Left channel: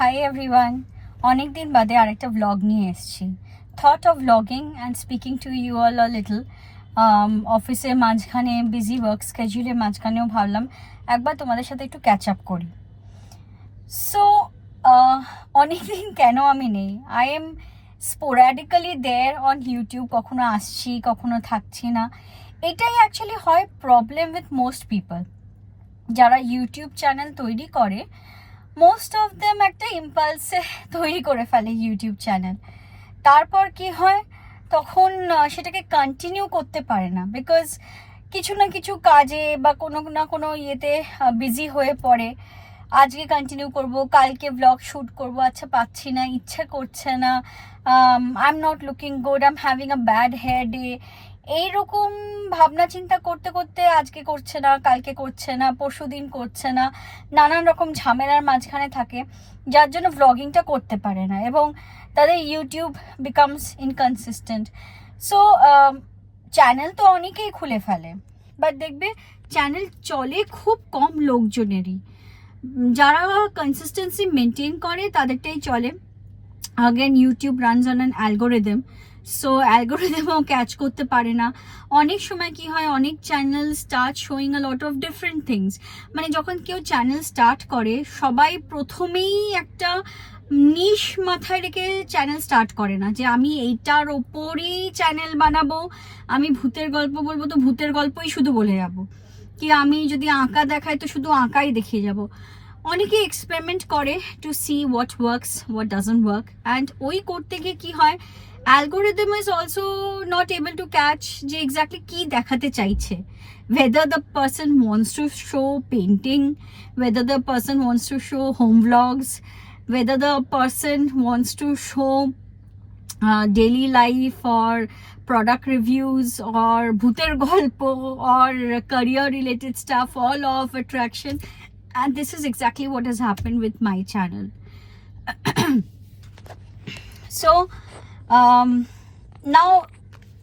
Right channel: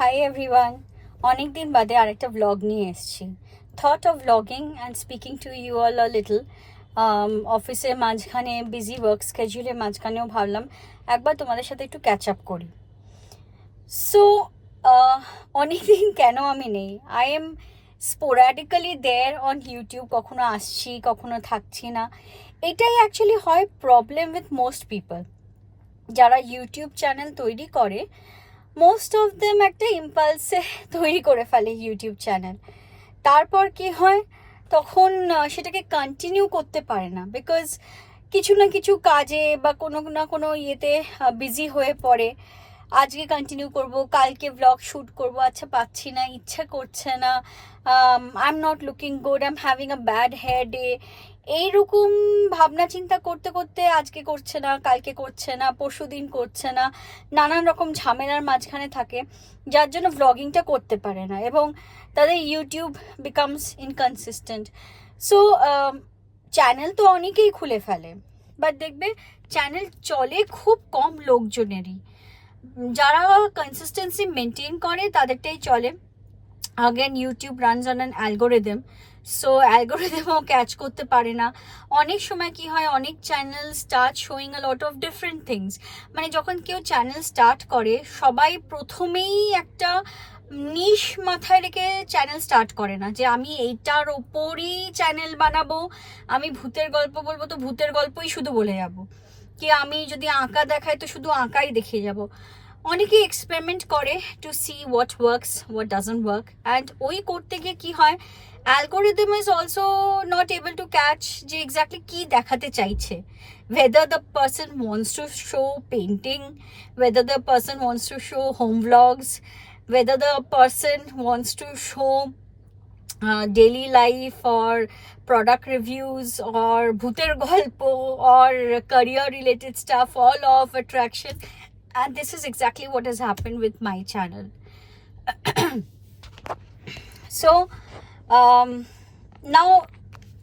Hi everyone, অনেক দিন বাদে আরেকটা ব্লগ নিয়ে এসেছি। Thought of blogging and speaking to you all a little. অফিসের মাঝখানে বিজি ওয়ার্ক স্কেডিউলের মাঝখানেও ভাবলাম একবার তোমাদের সাথে একটু ক্যাচ আপ করি। সো অনেক দিন কেন আমি নেই, I am sporadically there on YouTube, কখনো আসছি কখনো থাকছি না। এটাই অ্যাকচুয়ালি হয় প্রবলেম উইথ মোস্ট পিপল যারা ইউটিউব চ্যানেল তৈরি করে। মোস্ট অফ দেম একটা ইম্পালসে তৈরি করে ফেলে ইউটিউব চ্যানেল, তারপর কি হয় তখন সেটাকে কন্টিনিউ করতে পারে না, বিকজ কিছু না কিছু কাজে বা কোনো না কোনো ইয়েতে বিজি হয়ে পড়ে। আজকে কন্টিনিউ করব, কালকে ব্লগ শ্যুট করব, আচ্ছা পাচ্ছি না, ইচ্ছা করছে না, I am not looking good, I am having a bad hair day, এইরকম ভাবনা চিন্তা করতে করতে আজকে করছে না, কালকে করছে না, পরশু দিন করছে না, নানান রকম ঝামেলার মাঝখানে থাকে, যার জন্য ব্লগিংটা করতে পারে না এবং তাদের YouTube becomes inconsistent. So channel তো অনেকেই খুলে ফেলে, বাট দেখবে চ্যানেল চলে খুব কম লোকজনেরই। যারা কনসিস্টেন্সি মেনটেন করে তাদেরটাই চলে। Again YouTube runs on an algorithm, so অ্যালগোরিদমও ক্যাচ করতে পারে না। অনেক সময় কি হয়, অনেক channel start showing a lot of different things. মানে যখন কেউ চ্যানেল স্টার্ট করে সবাই প্রথমেই একটা নিশ মাথায় রেখে চ্যানেল স্টার্ট করে না, যে আমি এইটার ওপরই চ্যানেল বানাবো, আমি ভূতের গল্প বলবো তো ভূতের গল্পই শুধু বলে যাব, কি আমি যদি আঁকা দেখাই তো শুধু আঁকাই দেখিয়ে যাব। অনেকে এক্সপেরিমেন্ট করে to see what works, what doesn't work, and ওই করতে গিয়ে কি হয়, algorithm is also not able to catch যে এক্স্যাক্টলি কী দেখাতে চাইছে। whether the person wants to show painting, whether the person wants to show home vlogs, whether the person wants to show daily life or product reviews or bhuter golpo or career related stuff, all of attraction. And this is exactly what has happened with my channel. So now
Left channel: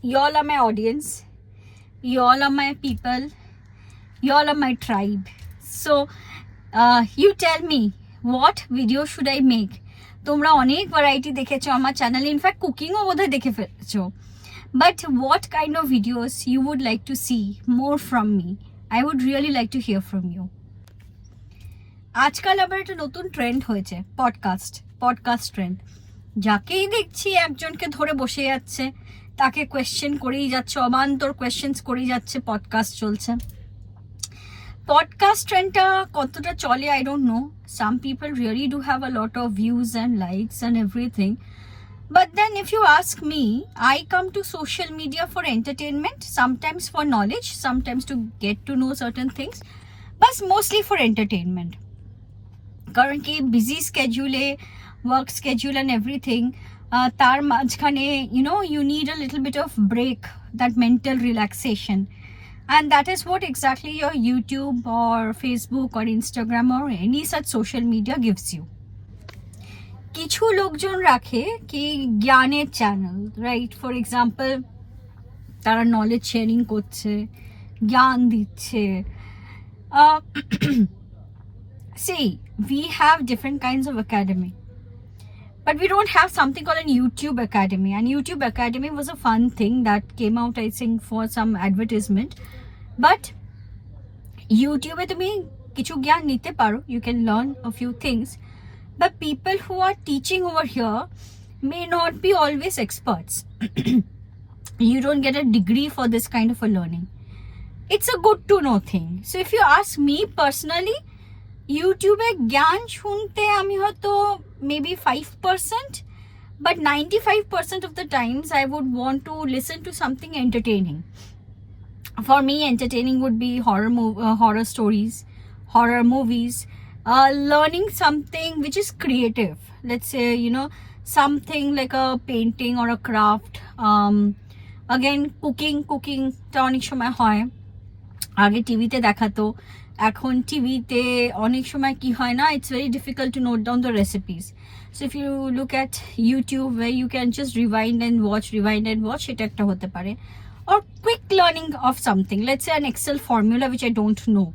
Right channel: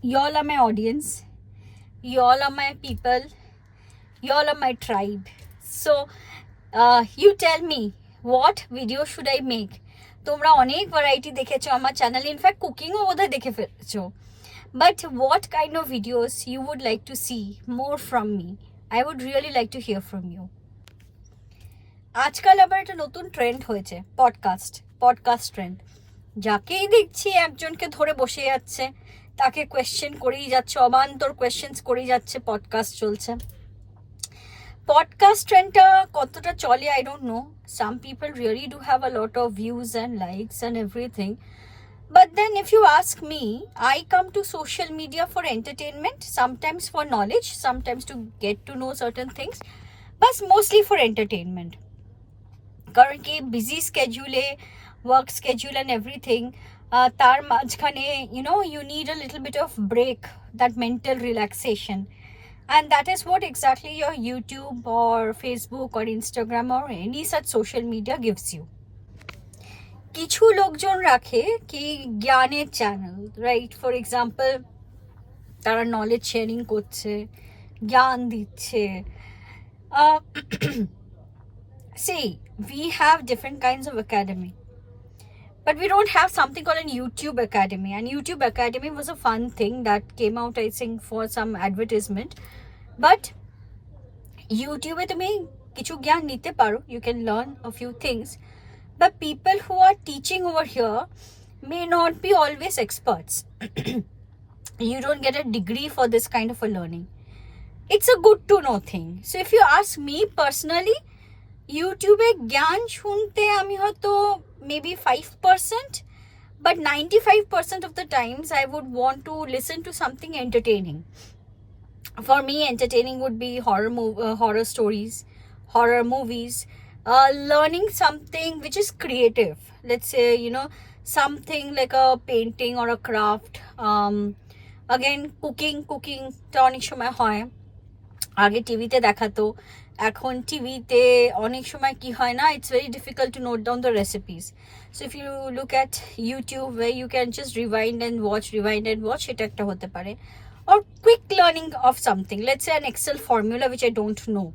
you all are my audience, you all are my people, you all are my tribe. So you tell me what video should I make. তোমরা অনেক variety দেখেছো আমার চ্যানেলে, in fact কুকিংও বোধহয় দেখে ফেলেছো, but what kind of videos you would like to see more from me, I would really like to hear from you. আজকাল আবার একটা নতুন ট্রেন্ড হয়েছে, পডকাস্ট ট্রেন্ড। যাকেই দেখছি একজনকে ধরে বসে যাচ্ছে, তাকে কোয়েশ্চেন করেই যাচ্ছে, অবান্তর কোয়েশ্চেন্স করেই যাচ্ছে, পডকাস্ট চলছে। পডকাস্ট ট্রেন্ডটা কতটা চলে I don't know, some people really do have a lot of views and likes and everything, but then if you ask me, I come to social media for entertainment, sometimes for knowledge, sometimes to get to know certain things, but mostly for entertainment. কারণ কি busy স্কেডিউলে, work schedule and everything, তার মাঝখানে you need a little bit of break, that mental relaxation, and that is what exactly your YouTube or Facebook or Instagram or any such social media gives you. কিছু লোকজন রাখে কি জ্ঞানের channel, right? For example তারা knowledge sharing করছে, জ্ঞান দিচ্ছে। See, we have different kinds of academy, but we don't have something called an YouTube Academy. And YouTube Academy was a fun thing that came out, I think, for some advertisement. But YouTube e tumi kichu gyan nite paro, you can learn a few things. But people who are teaching over here may not be always experts. You don't get a degree for this kind of a learning. It's a good to know thing. So if you ask me personally, YouTube e gyan shunte ami hoyto maybe 5%, but 95% of the times I would want to listen to something entertaining. For me, entertaining would be horror stories, horror movies, learning something which is creative. Let's say, something like a painting or a craft. Again, cooking ta onek shomoy hoy আগে টিভিতে দেখাতো, এখন টিভিতে অনেক সময় কি হয় না, it's very difficult to note down the recipes. So if you look at YouTube where you can just rewind and watch, এটা একটা হতে পারে। Or quick learning of something, let's say an Excel formula which I don't know,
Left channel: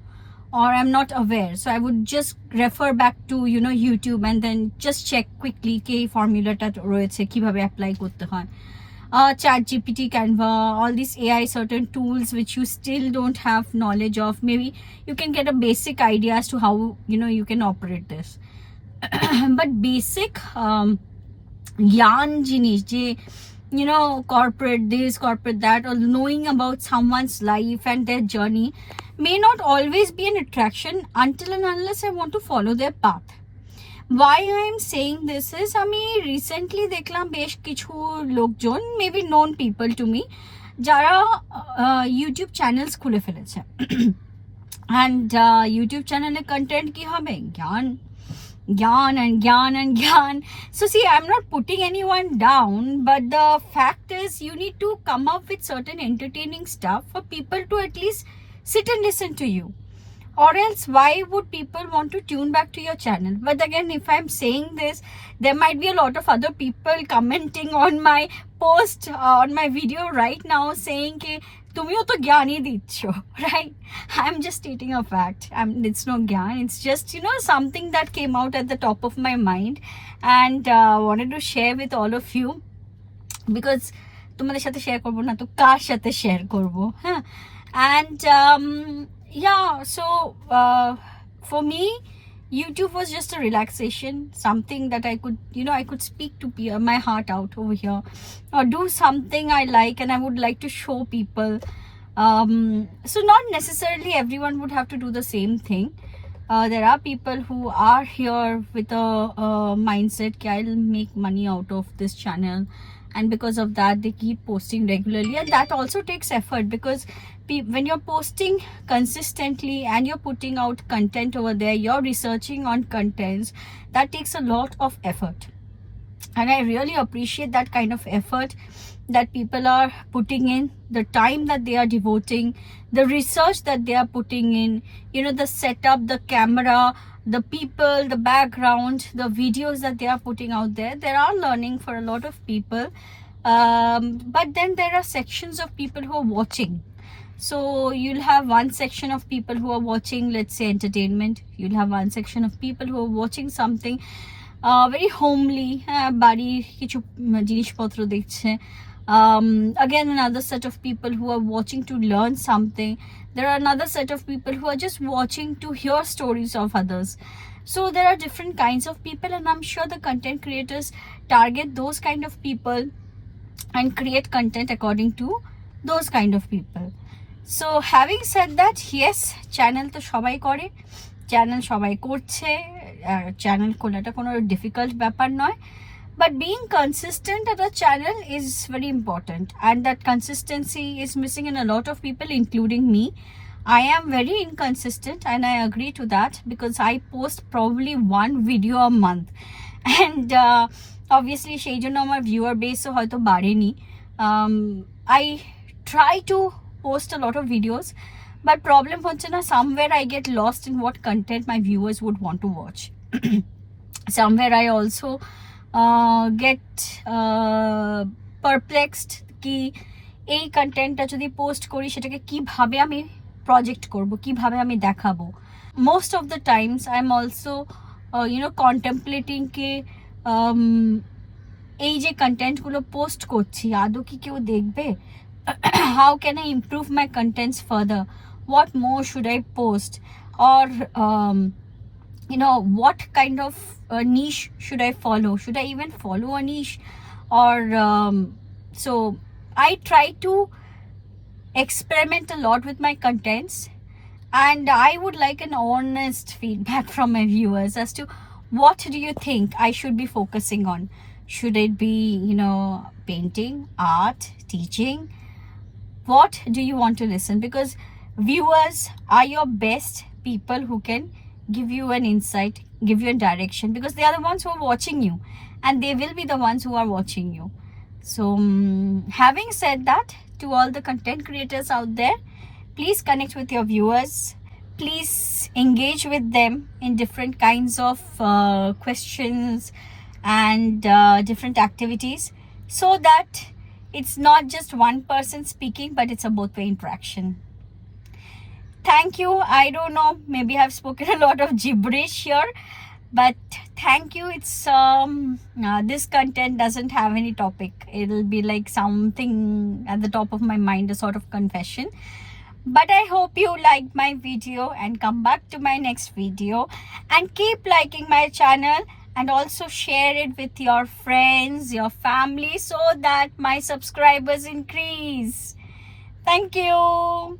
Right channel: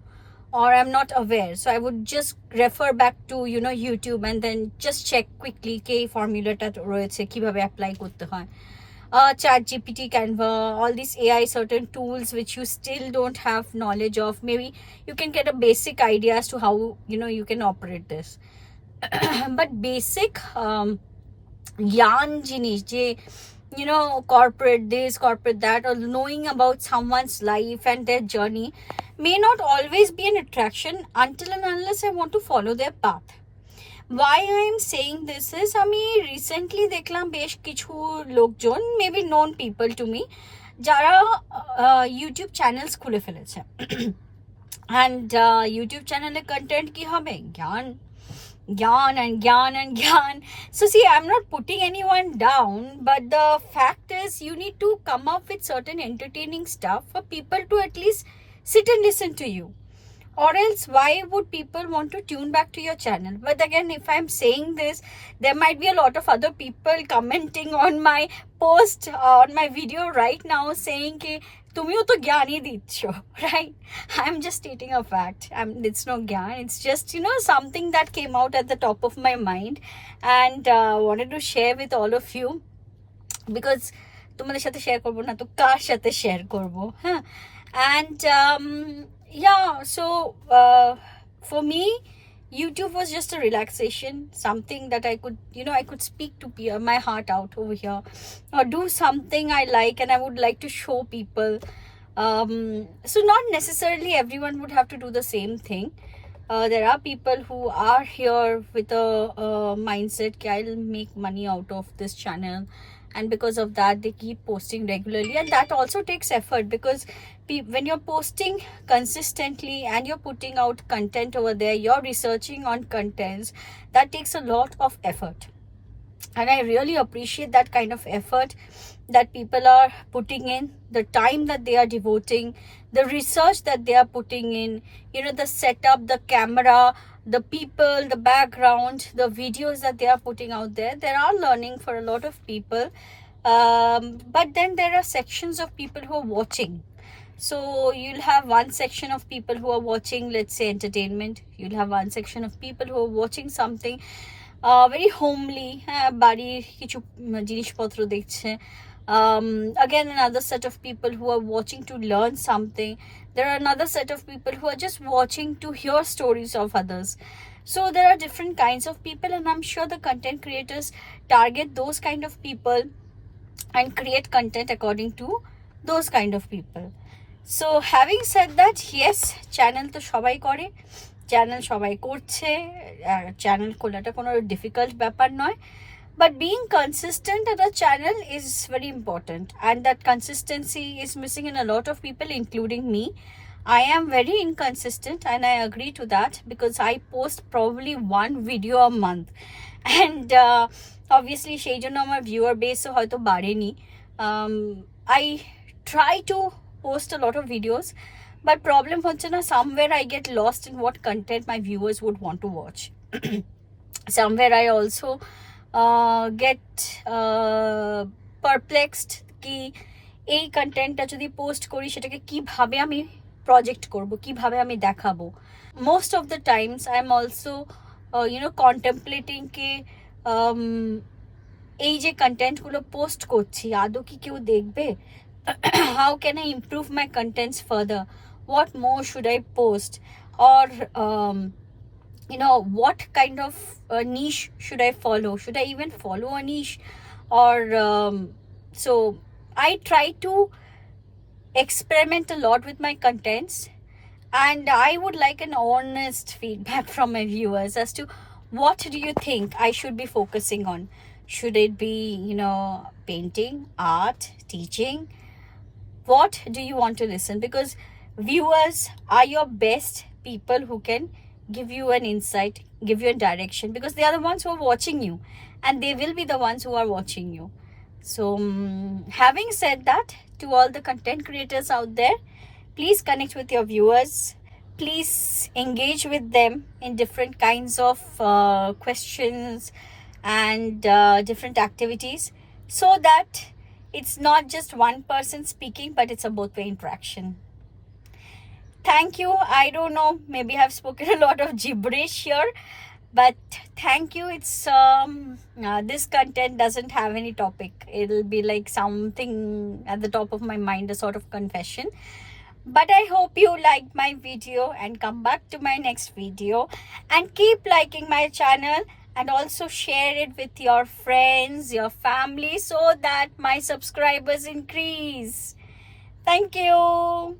or I'm not aware, so I would just refer back to YouTube and then just check quickly ke formula ta royeche kibhabe apply korte hoy. ChatGPT, Canva, all these AI certain tools which you still don't have knowledge of, maybe you can get a basic idea as to how you can operate this. But basic yarn jinish je corporate this, corporate that, or knowing about someone's life and their journey may not always be an attraction until and unless I want to follow their path. Why I am saying this is, আমি recently দেখলাম বেশ কিছু লোকজন, maybe non people to me, যারা YouTube channels খুলে ফেলেছে। And YouTube চ্যানেলের content কি হবে? Gyan and gyan. So see, I'm not putting anyone down, but the fact is you need to come up with certain entertaining stuff for people to at least sit and listen to you. Or else why would people want to tune back to your channel? But again, if I'm saying this, there might be a lot of other people commenting on my post, on my video right now saying ke tumiyo to gyan hi diccho, right? I'm just stating a fact. It's no gyan, it's just something that came out at the top of my mind and wanted to share with all of you, because তোমাদের সাথে share করবো না তো কার সাথে share করবো? হ্যাঁ, and yeah, so for me YouTube was just a relaxation, something that I could I could speak to my heart out over here, or do something I like and I would like to show people. So not necessarily everyone would have to do the same thing. There are people who are here with a mindset that I'll make money out of this channel, and because of that they keep posting regularly, and that also takes effort, because when you're posting consistently and you're putting out content over there, you're researching on contents, that takes a lot of effort, and I really appreciate that kind of effort that people are putting in, the time that they are devoting, the research that they are putting in, the setup, the camera, the people, the background, the videos that they are putting out there. There are learning for a lot of people, but then there are sections of people who are watching. So you'll have one section of people who are watching, let's say, entertainment. You'll have one section of people who are watching something very homely, bari kichu jinishpotro dekhche. Again, another set of people who are watching to learn something. There are another set of people who are just watching to hear stories of others. So there are different kinds of people, and I'm sure the content creators target those kind of people and create content according to those kind of people. So having said that, yes, channel to shobai kore, channel shobai korche, channel kholaটা কোনো difficult ব্যাপার নয়, but being consistent at a channel is very important, and that consistency is missing in a lot of people, including me. I am very inconsistent, and I agree to that, because I post probably one video a month, and obviously সেই জন্য আমার viewer base হয়তো বাড়েনি. I try to post a lot of videos, but problem হচ্ছে না, somewhere I get lost in what content my viewers would want to watch. Somewhere I also get perplexed কি এই কন্টেন্টটা যদি পোস্ট করি সেটাকে কিভাবে আমি প্রজেক্ট করব, কিভাবে আমি দেখাবো. Most of the times I'm also contemplating কি এই যে কন্টেন্টগুলো পোস্ট করছি আদৌ কি কেউ দেখবে? How can I improve my contents further? What more should I post? Or what kind of niche should I follow? Should I even follow a niche? Or so I try to experiment a lot with my contents, and I would like an honest feedback from my viewers as to what do you think I should be focusing on. Should it be painting, art, teaching? What do you want to listen? Because viewers are your best people who can give you an insight, give you a direction, because they are the ones who are watching you, and they will be the ones who are watching you. So having said that, to all the content creators out there, please connect with your viewers, please engage with them in different kinds of questions and different activities, so that it's not just one person speaking, but it's a both way interaction. Thank you. I don't know, maybe I've spoken a lot of gibberish here, but thank you. It's this content doesn't have any topic. It'll be like something at the top of my mind, a sort of confession. But I hope you liked my video and come back to my next video and keep liking my channel and also share it with your friends, your family, so that my subscribers increase. Thank you.